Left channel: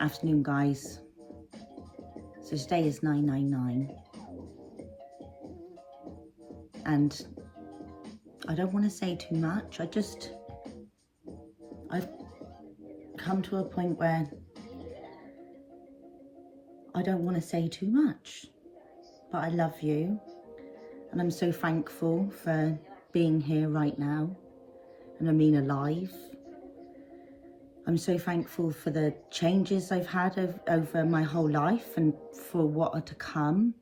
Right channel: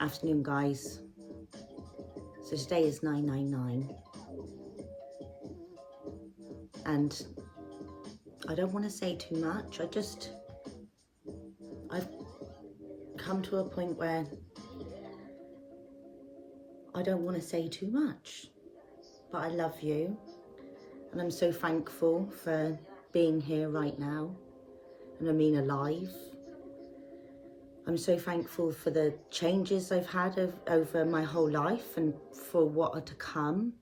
Afternoon, guys. So today is 999, and I don't want to say too much. I've come to a point where I don't want to say too much, but I love you, and I'm so thankful for being here right now, and I mean alive. I'm so thankful for the changes I've had over my whole life and for what are to come.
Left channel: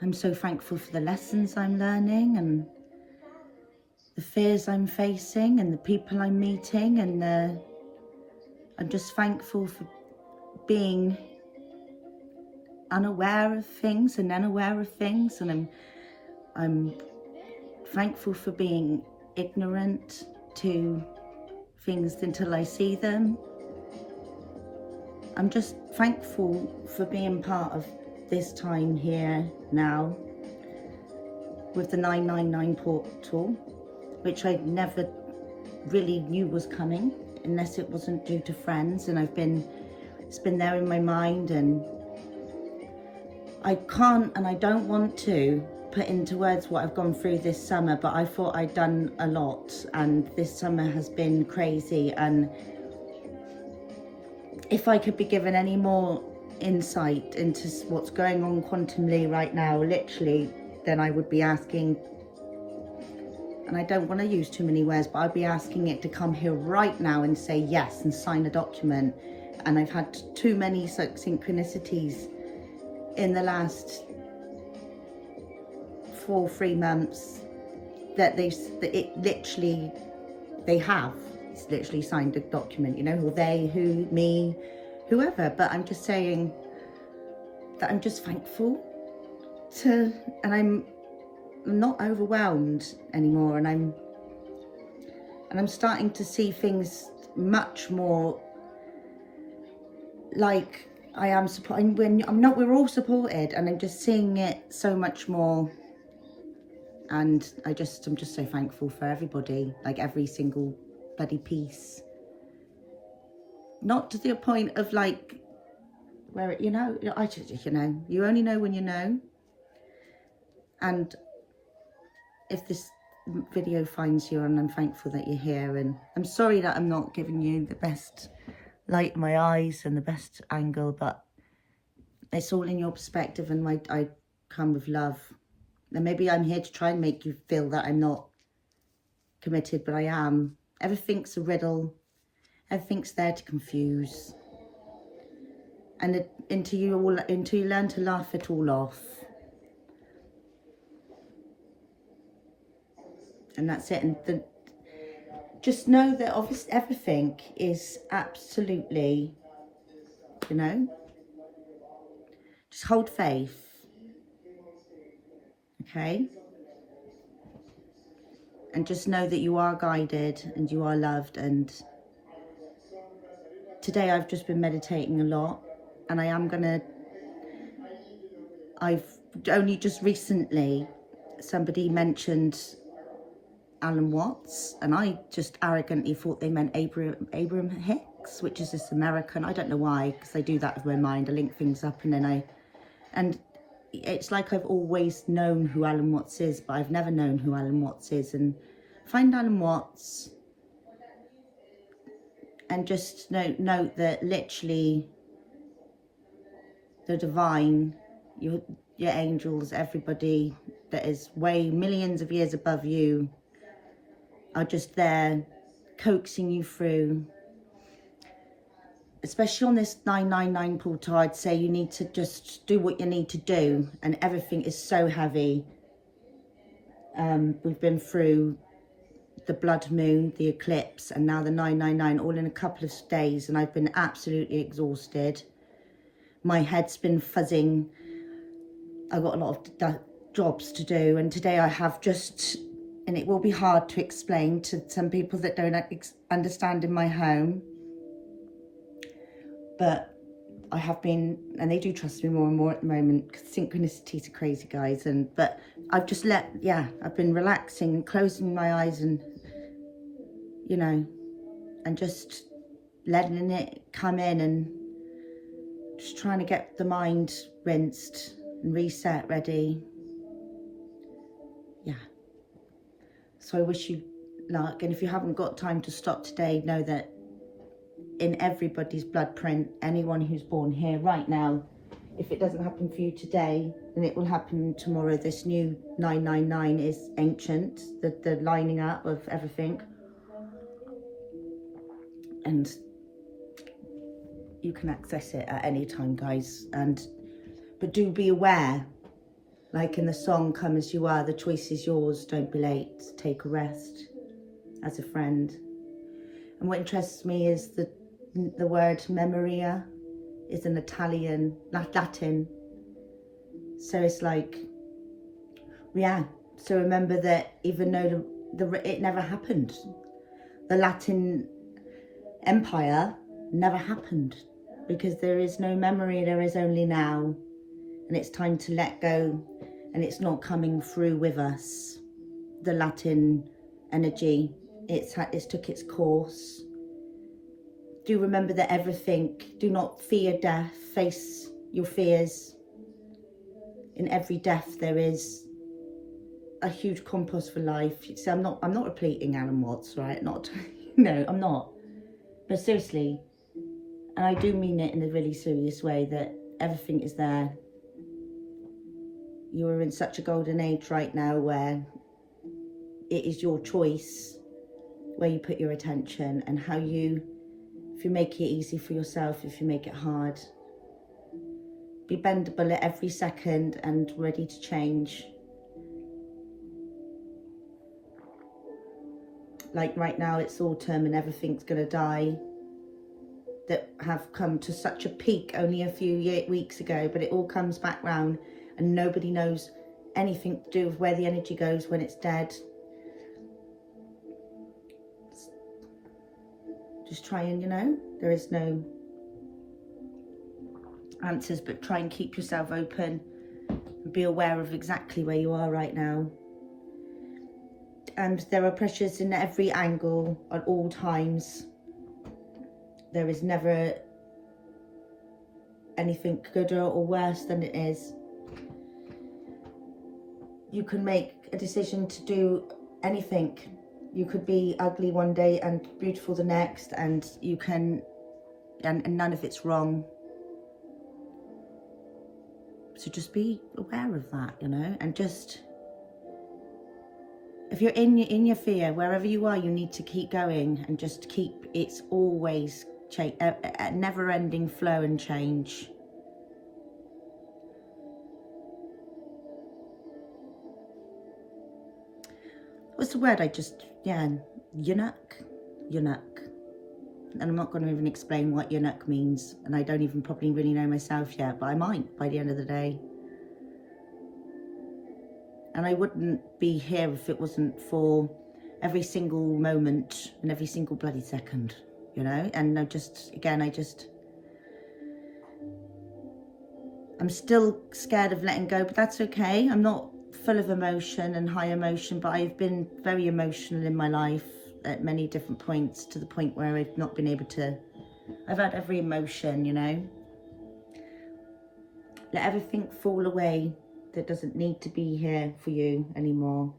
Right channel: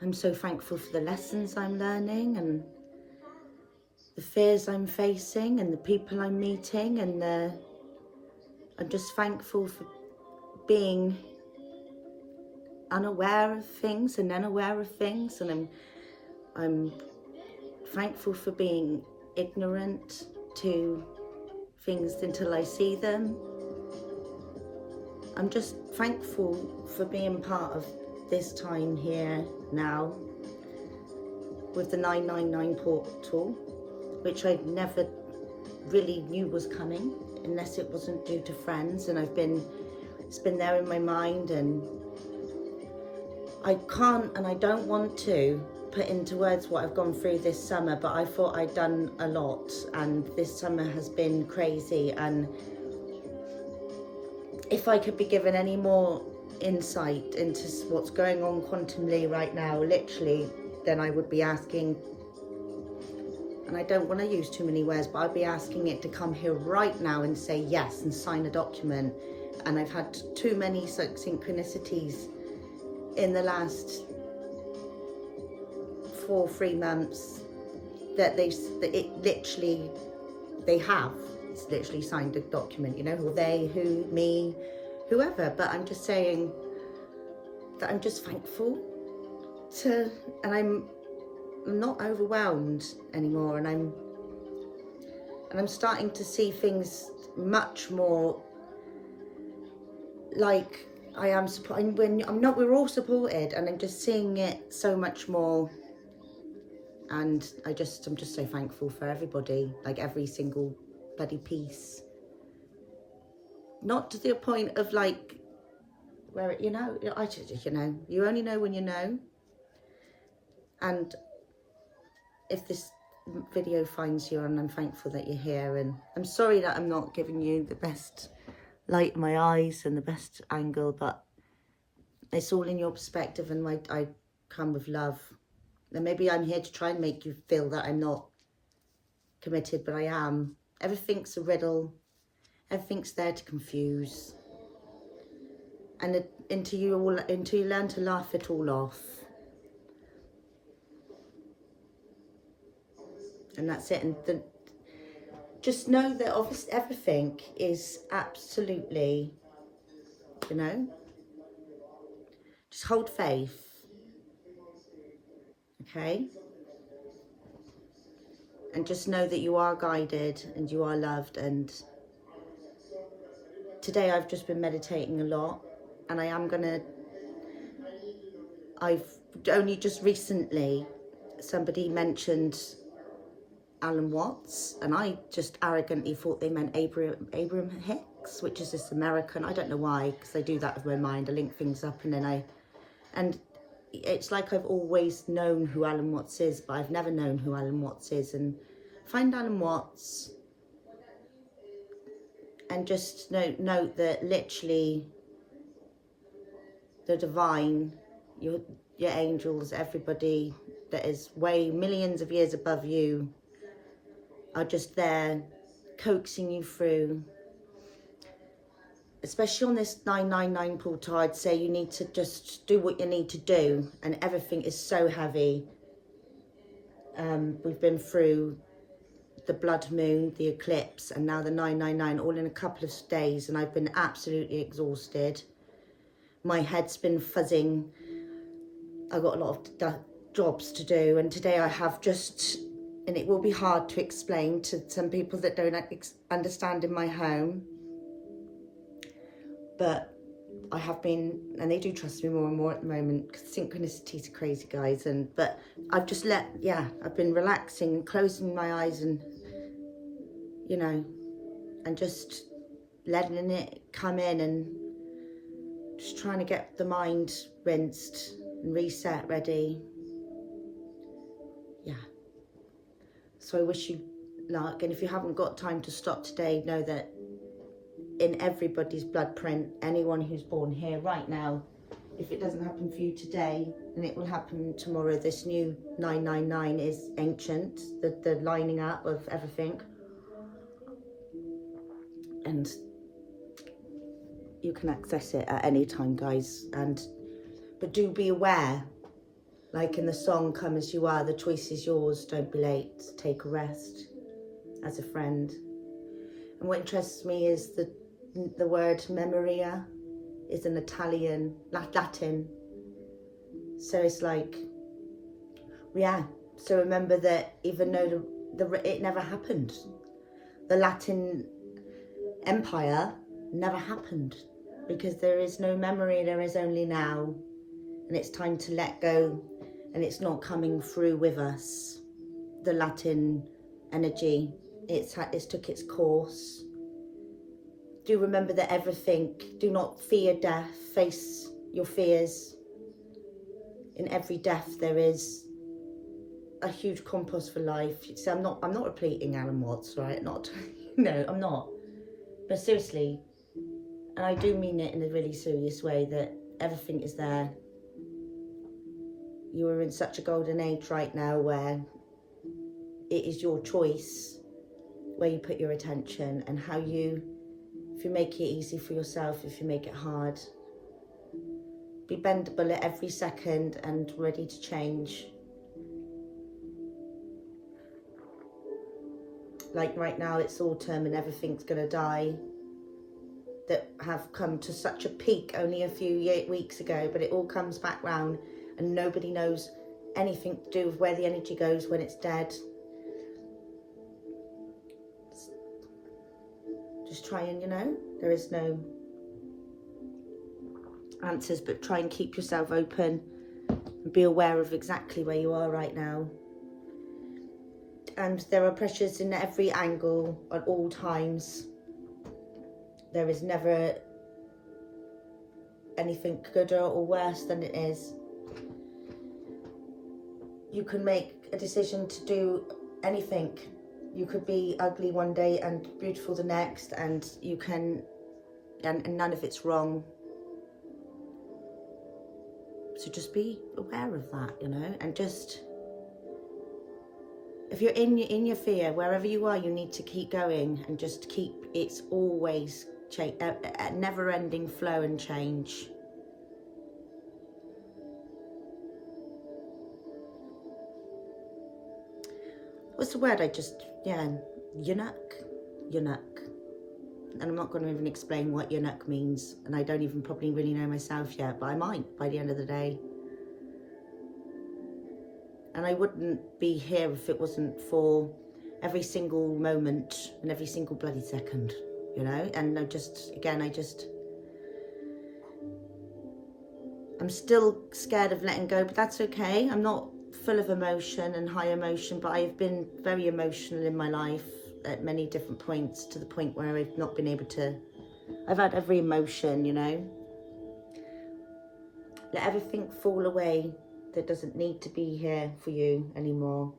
I'm so thankful for the lessons I'm learning and the fears I'm facing and the people I'm meeting, and I'm just thankful for being unaware of things and unaware of things, and I'm thankful for being ignorant to things until I see them. I'm just thankful for being part of this time here now with the 999 portal, which I never really knew was coming unless it wasn't due to friends, and it's been there in my mind, and I can't and I don't want to put into words what I've gone through this summer, but I thought I'd done a lot, and this summer has been crazy. And if I could be given any more insight into what's going on quantumly right now, literally, then I would be asking, and I don't want to use too many words, but I'd be asking it to come here right now and say yes and sign a document. And I've had too many synchronicities in the last 3 months that it's literally signed a document, or they, who, me, whoever. But I'm just saying that I'm just thankful and I'm not overwhelmed anymore, and I'm starting to see things much more like I am supporting. We're all supported, and I'm just seeing it so much more. And I'm just so thankful for everybody, like every single bloody piece. Not to the point of like where it, you only know when you know. And if this video finds you, and I'm thankful that you're here, and I'm sorry that I'm not giving you the best light in my eyes and the best angle, but it's all in your perspective, and I come with love. And maybe I'm here to try and make you feel that I'm not committed, but I am. Everything's a riddle. Everything's there to confuse. And until you learn to laugh it all off. And that's it. And just know that obviously everything is absolutely, just hold faith. Okay? And just know that you are guided and you are loved. And today I've just been meditating a lot, and I've only just recently, somebody mentioned Alan Watts, and I just arrogantly thought they meant Abraham Hicks, which is this American. I don't know why, because I do that with my mind. I link things up, and it's like I've always known who Alan Watts is, but I've never known who Alan Watts is. And find Alan Watts, and just note that literally the divine, your angels, everybody that is way millions of years above you are just there coaxing you through. Especially on this 999 portal, I'd say you need to just do what you need to do, and everything is so heavy. We've been through the blood moon, the eclipse, and now the 999, all in a couple of days, and I've been absolutely exhausted. My head's been fuzzing. I've got a lot of jobs to do, and today I have and it will be hard to explain to some people that don't understand in my home, but I have been, and they do trust me more and more at the moment, because synchronicities are crazy, guys. But I've just I've been relaxing and closing my eyes, and and just letting it come in, and Just trying to get the mind rinsed and reset, ready. Yeah. So I wish you luck. And if you haven't got time to stop today, know that in everybody's blood print, anyone who's born here right now, if it doesn't happen for you today, then it will happen tomorrow. This new 999 is ancient, the lining up of everything. And you can access it at any time, guys. But do be aware, like in the song, Come As You Are, the choice is yours, don't be late, take a rest as a friend. And what interests me is the word memoria is an Italian, Latin. So it's like, yeah. So remember that even though it never happened, the Latin Empire never happened, because there is no memory, there is only now. And it's time to let go, and it's not coming through with us. The Latin energy, it's took its course. Do remember that everything, do not fear death, face your fears. In every death there is a huge compost for life. So I'm not repeating Alan Watts, right? Not, no, I'm not. But seriously, and I do mean it in a really serious way, that everything is there. You are in such a golden age right now where it is your choice where you put your attention, and how you, if you make it easy for yourself, if you make it hard. Be bendable at every second and ready to change. Like right now it's autumn and everything's gonna die, that have come to such a peak only a few weeks ago, but it all comes back round, and nobody knows anything to do with where the energy goes when it's dead. Just try and, there is no answers, but try and keep yourself open and be aware of exactly where you are right now. And there are pressures in every angle at all times. There is never anything gooder or worse than it is. You can make a decision to do anything. You could be ugly one day and beautiful the next, and you can, and none of it's wrong. So just be aware of that, and just, if you're in your fear, wherever you are, you need to keep going and just keep, it's always a never-ending flow and change. What's the word eunuch. And I'm not going to even explain what eunuch means, and I don't even probably really know myself yet, but I might by the end of the day. And I wouldn't be here if it wasn't for every single moment and every single bloody second, and I'm still scared of letting go, but that's okay. I'm not full of emotion and high emotion, but I've been very emotional in my life at many different points, to the point where I've not been able to, I've had every emotion, Let everything fall away that doesn't need to be here for you anymore.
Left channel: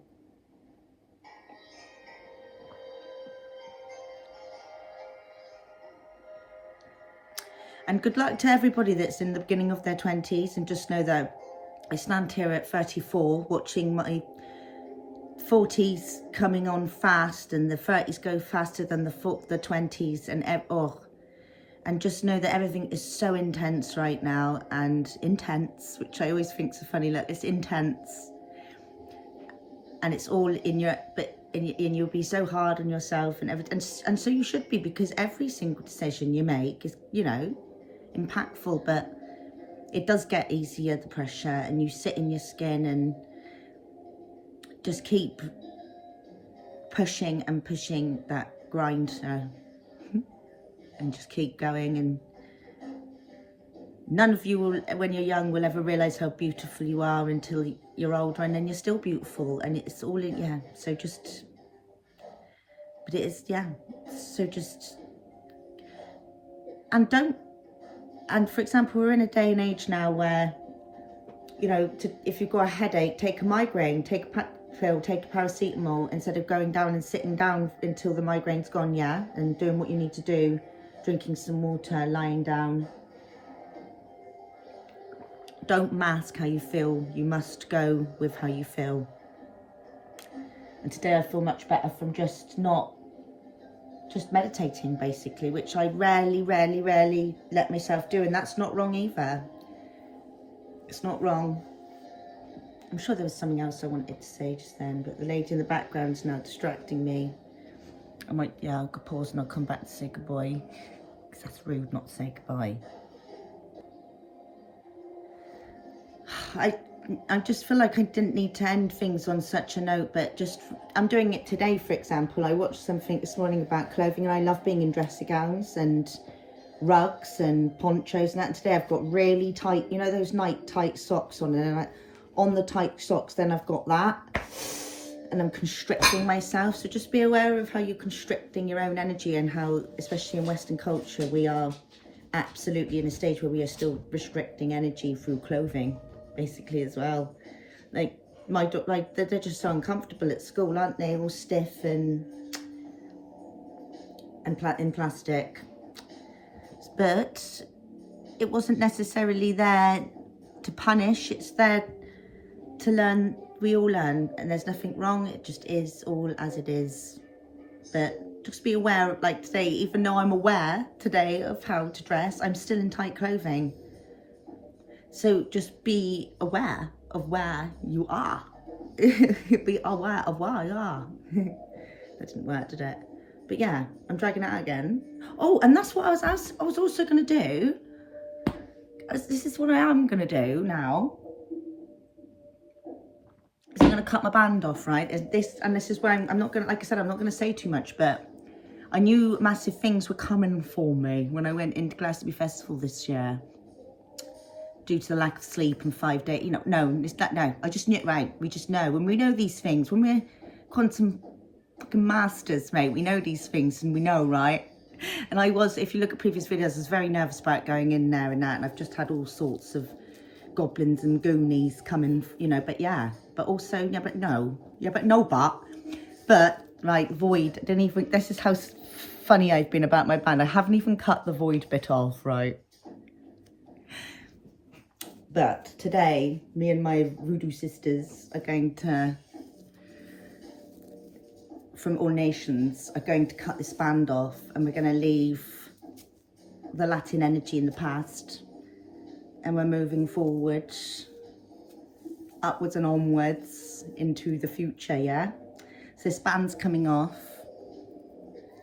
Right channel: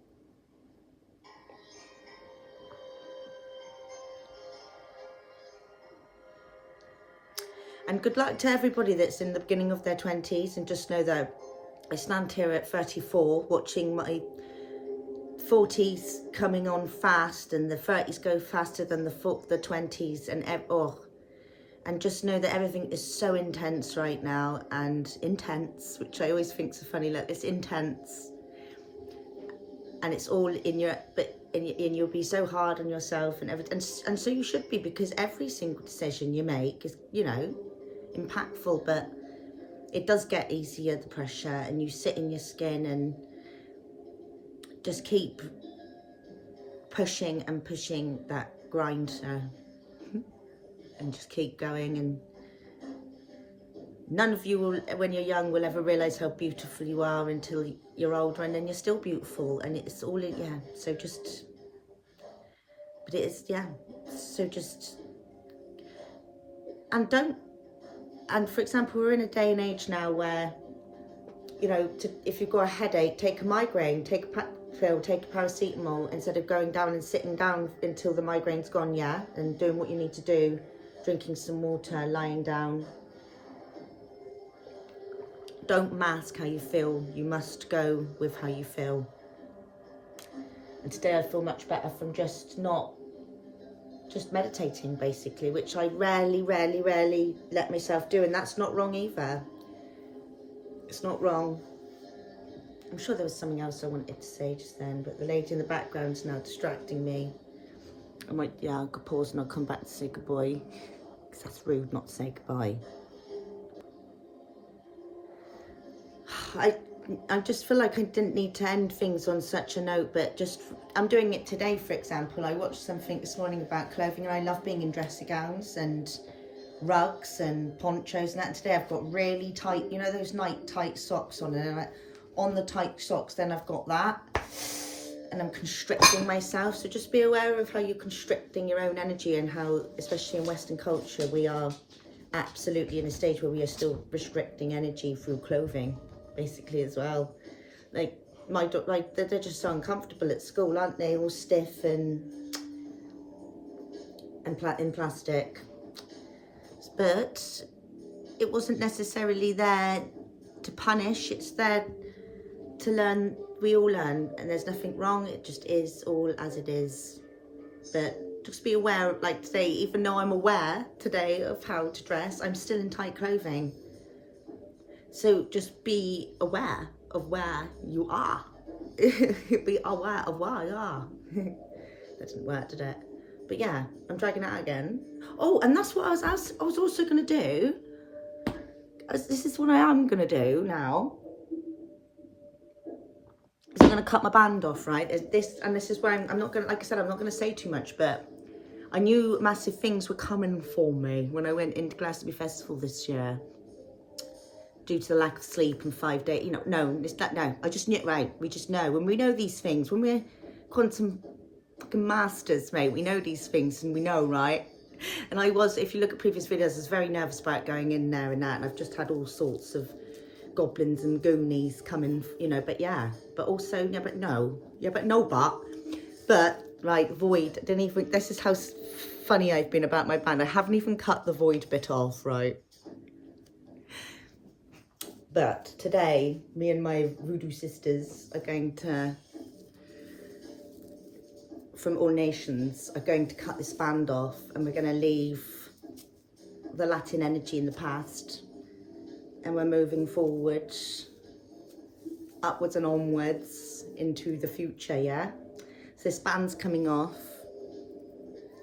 And good luck to everybody that's in the beginning of their 20s, and just know that I stand here at 34 watching my 40s coming on fast, and the 30s go faster than the 20s, and just know that everything is so intense right now, and intense, which I always think is a funny look. It's intense, and it's all in your, and you'll be so hard on yourself and everything, and so you should be, because every single decision you make is, impactful. But it does get easier, the pressure, and you sit in your skin, and just keep pushing and pushing that grind, and just keep going. And none of you will, when you're young, will ever realize how beautiful you are until you're older, and then you're still beautiful, and it's all in, so just, but it is, so just, and don't And for example, we're in a day and age now where, you know, if you've got a headache, take a migraine, take a pill, take a paracetamol, instead of going down and sitting down until the migraine's gone, yeah, and doing what you need to do, drinking some water, lying down. Don't mask how you feel. You must go with how you feel. And today I feel much better from just meditating, basically, which I rarely let myself do. And that's not wrong either. It's not wrong. I'm sure there was something else I wanted to say just then, but the lady in the background's now distracting me. I might, yeah, I'll pause and I'll come back to say goodbye, because that's rude not to say goodbye. I just feel like I didn't need to end things on such a note, but just, I'm doing it today, for example. I watched something this morning about clothing, and I love being in dressy gowns and rugs and ponchos and that. And today I've got really tight, you know, those night tight socks on, and on the tight socks, then I've got that, and I'm constricting myself. So just be aware of how you're constricting your own energy, and how, especially in Western culture, we are absolutely in a stage where we are still restricting energy through clothing, basically, as well. Like they're just so uncomfortable at school, aren't they? All stiff and in plastic. But it wasn't necessarily there to punish. It's there to learn. We all learn, and there's nothing wrong. It just is all as it is. But just be aware, like today, even though I'm aware today of how to dress, I'm still in tight clothing. So just be aware of where you are. Be aware of where you are. That didn't work, did it? But yeah, I'm dragging it out again. Oh, and that's what I was also going to do. This is what I am going to do now. So I'm going to cut my band off, right? This is where I'm not going to, like I said, I'm not going to say too much, but I knew massive things were coming for me when I went into Glastonbury Festival this year. Due to the lack of sleep and 5 days, you know, no, I just knew it, right? We just know. When we know these things, when we're quantum fucking masters, mate, we know these things, and we know, right? And I was, if you look at previous videos, I was very nervous about going in there and that, and I've just had all sorts of goblins and goonies coming, you know, but yeah, but also, yeah, but no, but, right, void, didn't even, this is how funny I've been about my band. I haven't even cut the void bit off, right? But today, me and my voodoo sisters are going to, from All Nations, are going to cut this band off, and we're going to leave the Latin energy in the past, and we're moving forward, upwards and onwards into the future, yeah? So this band's coming off,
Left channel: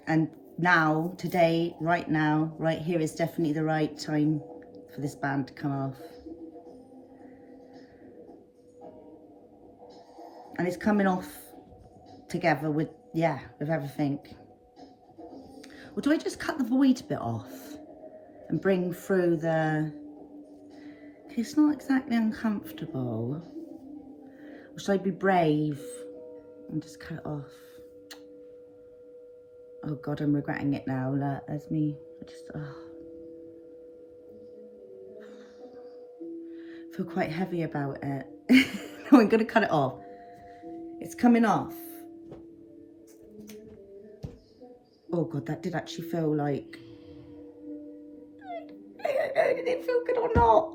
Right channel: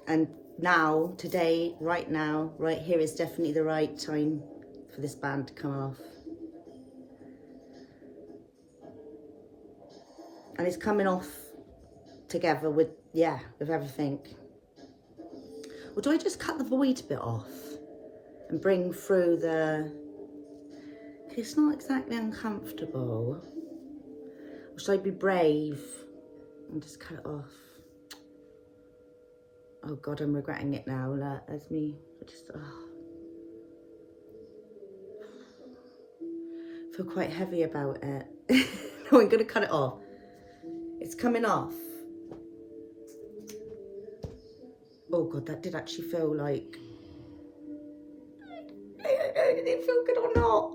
and now, today, right now, right here is definitely the right time for this band to come off. And it's coming off together with, yeah, with everything. Or do I just cut the void bit off and bring through the... It's not exactly uncomfortable. Or should I be brave and just cut it off? Oh God, I'm regretting it now. There's me. I just, feel quite heavy about it. No, I'm gonna cut it off. It's coming off. Oh God, that did actually feel like... I don't know, did it feel good or not?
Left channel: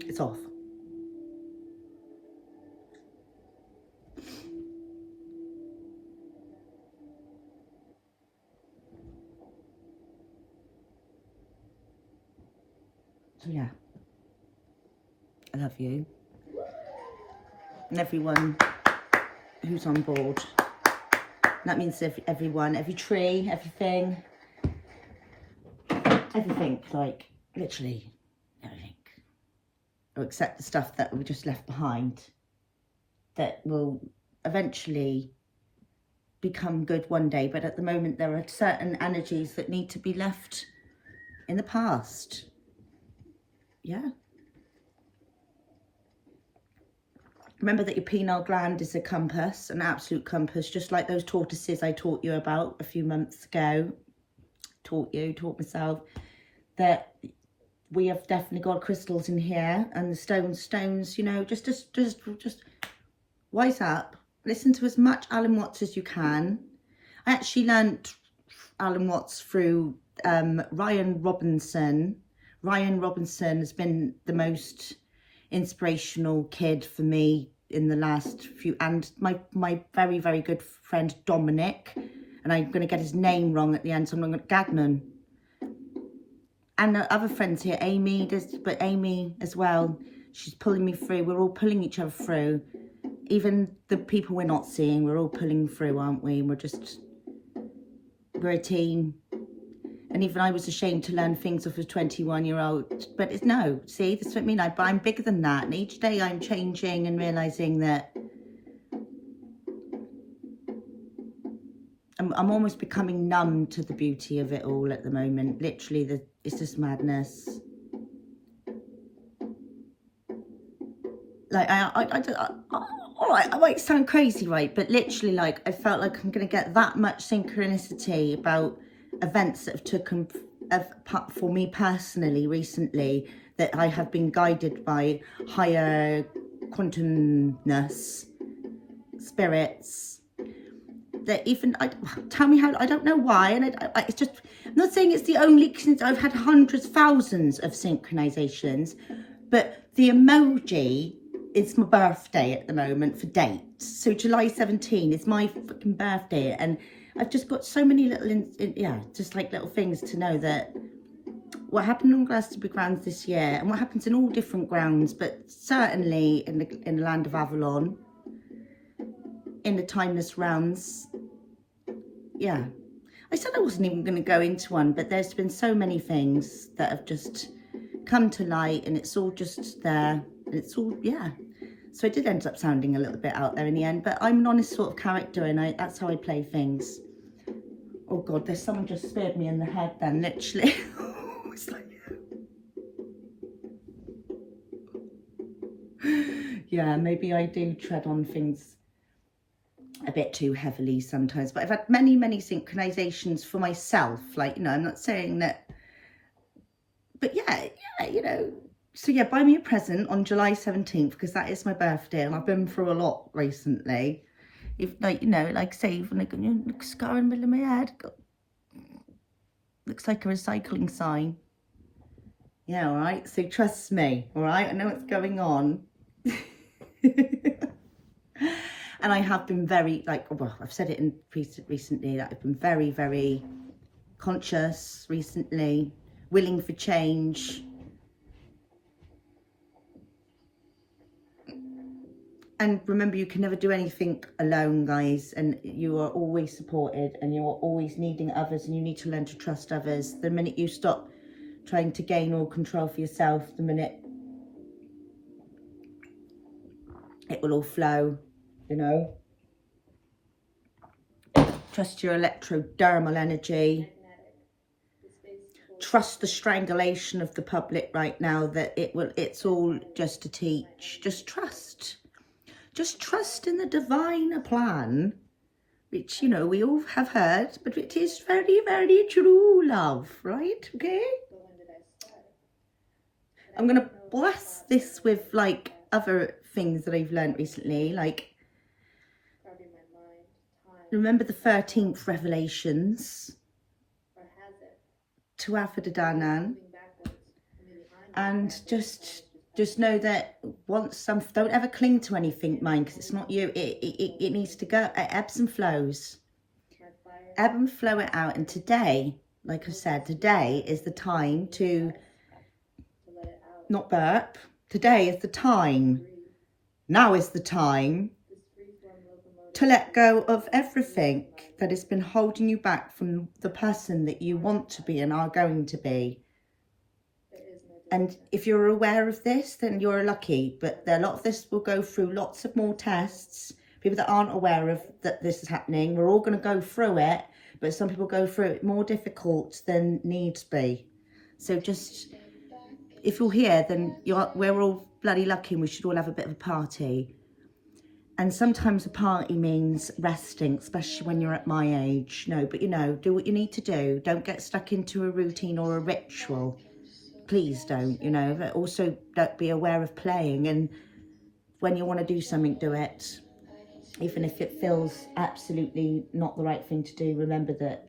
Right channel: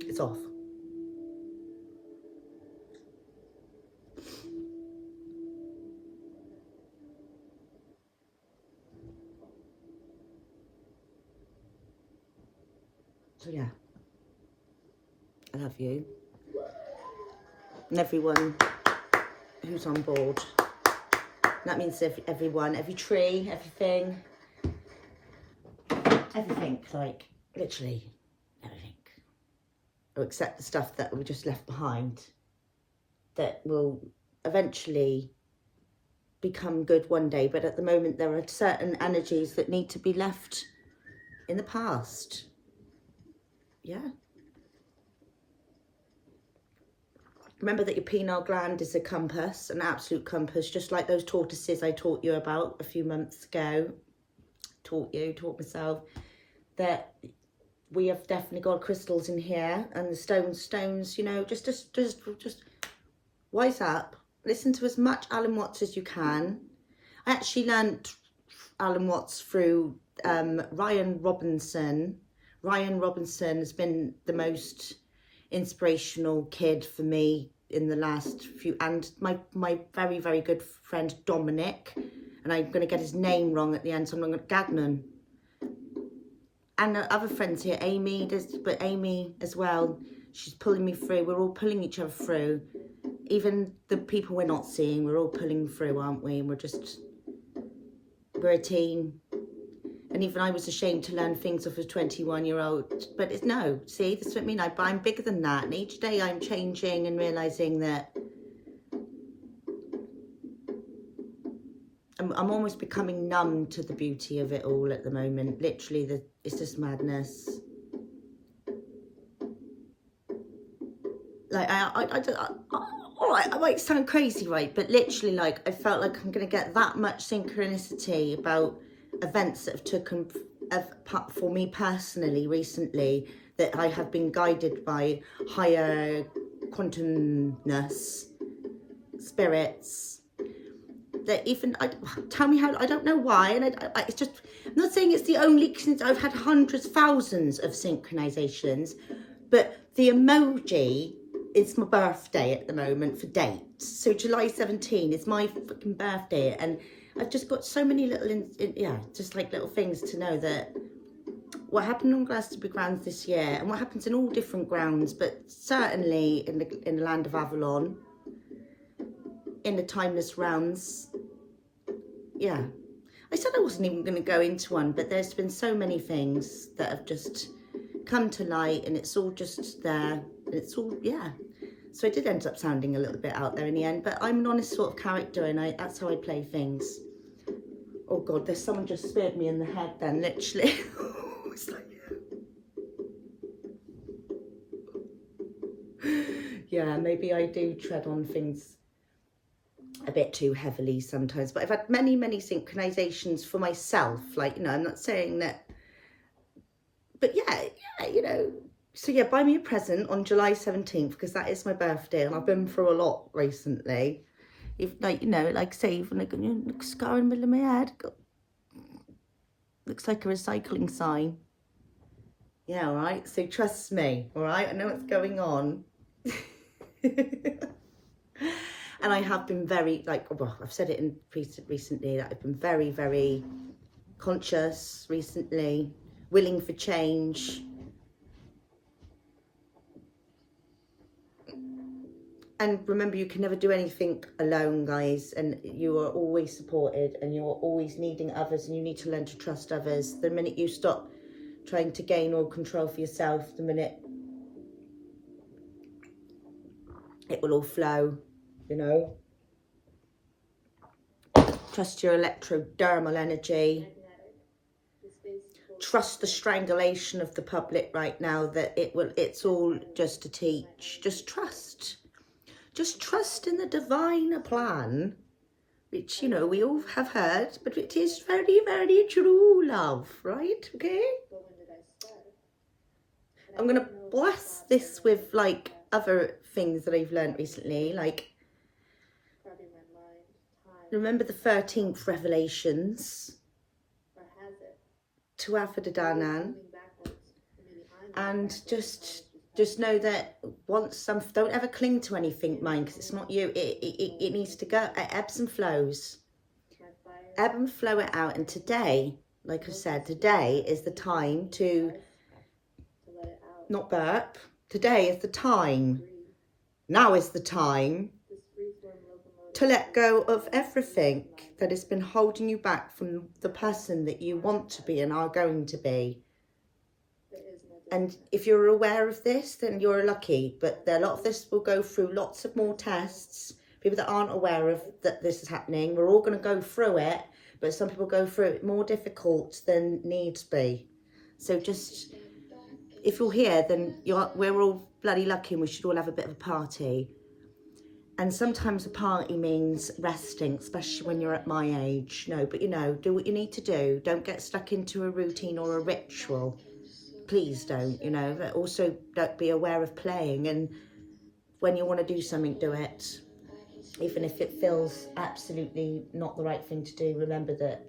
It's off. So yeah, I love you. And everyone who's on board. That means everyone, every tree, everything, like literally everything. Or except the stuff that we just left behind, that will eventually become good one day. But at the moment, there are certain energies that need to be left in the past. Yeah. Remember that your pineal gland is a compass, an absolute compass, just like those tortoises I taught you about a few months ago. Taught myself that we have definitely got crystals in here, and the stones, you know, just wise up. Listen to as much Alan Watts as you can. I actually learnt Alan Watts through Ryan Robinson. Ryan Robinson has been the most inspirational kid for me in the last few, and my very, very good friend Dominic, and I'm going to get his name wrong at the end, so I'm going to Gagnon. And other friends here, Amy but Amy as well, she's pulling me through. We're all pulling each other through. Even the people we're not seeing, we're all pulling through, aren't we? And we're a team. And even I was ashamed to learn things off a 21-year-old. But it's no, see, that's what I mean. I'm bigger than that. And each day I'm changing and realising that I'm almost becoming numb to the beauty of it all at the moment. Literally, it's just madness. Like, all right, I might sound crazy, right? But literally, like, I felt like I'm going to get that much synchronicity about events that have taken for me personally recently, that I have been guided by higher quantumness, spirits, that even, tell me how, I don't know why, and it's just, I'm not saying it's the only, since I've had hundreds, thousands of synchronizations, but the emoji, it's my birthday at the moment for dates. So July 17 is my fucking birthday, and I've just got so many little, just like little things to know that what happened on Glastonbury grounds this year, and what happens in all different grounds, but certainly in the land of Avalon, in the timeless realms. Yeah, I said I wasn't even going to go into one, but there's been so many things that have just come to light, and it's all just there, and it's all, yeah. So I did end up sounding a little bit out there in the end, but I'm an honest sort of character, and that's how I play things. Oh God, there's someone just speared me in the head then, literally. It's like, yeah, maybe I do tread on things a bit too heavily sometimes, but I've had many, many synchronizations for myself. Like, you know, I'm not saying that, but yeah, you know. So yeah, buy me a present on July 17th, because that is my birthday, and I've been through a lot recently. If, like, you know, like say, even like a scar in the middle of my head, looks like a recycling sign. Yeah, all right. So trust me, all right. I know what's going on. And I have been very, like, well, I've said it in recently that I've been very, very conscious recently, willing for change. And remember, you can never do anything alone, guys, and you are always supported, and you are always needing others, and you need to learn to trust others. The minute you stop trying to gain all control for yourself, the minute it will all flow, you know. Trust your electrodermal energy. Trust the strangulation of the public right now, that it's all just to teach. Just trust. Just trust in the divine plan, which, you know, we all have heard, but it is very, very true, love, right? Okay? I'm going to bless this with, like, other things that I've learned recently, like, remember the 13th revelations to Aphrodite, and just know that once don't ever cling to anything, mind, because it's not you. It needs to go. It ebbs and flows. Ebb and flow it out. And today, like I said, today is the time to not burp. Today is the time. Now is the time to let go of everything that has been holding you back from the person that you want to be and are going to be. And if you're aware of this, then you're lucky. But a lot of this will go through lots of more tests. People that aren't aware of that this is happening, we're all going to go through it. But some people go through it more difficult than needs be. So just, if you're here, then we're all bloody lucky, and we should all have a bit of a party. And sometimes a party means resting, especially when you're at my age. No, but you know, do what you need to do. Don't get stuck into a routine or a ritual. Please don't, you know. But also, don't be aware of playing. And when you want to do something, do it. Even if it feels absolutely not the right thing to do, remember that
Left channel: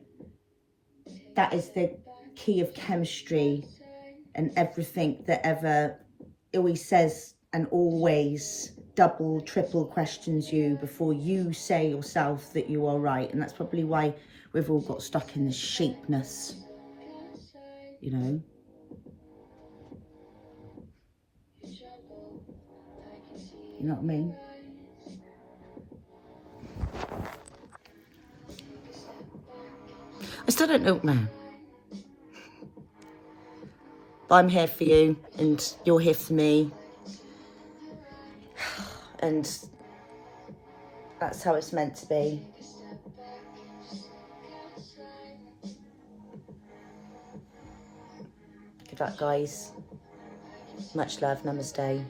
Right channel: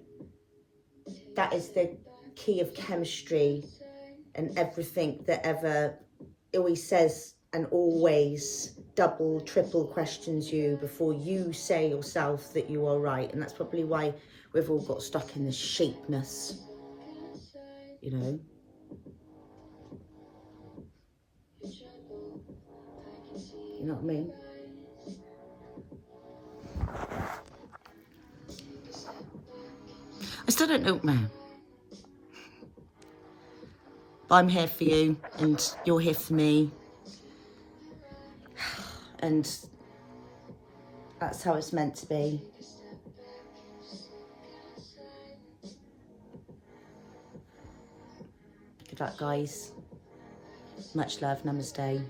that is the key of chemistry and everything that ever always says and always double, triple questions you before you say yourself that you are right. And that's probably why we've all got stuck in this sheepness, you know. You know what I mean? I still don't know now. But I'm here for you and you're here for me. And that's how it's meant to be. Good luck, guys. Much love. Namaste.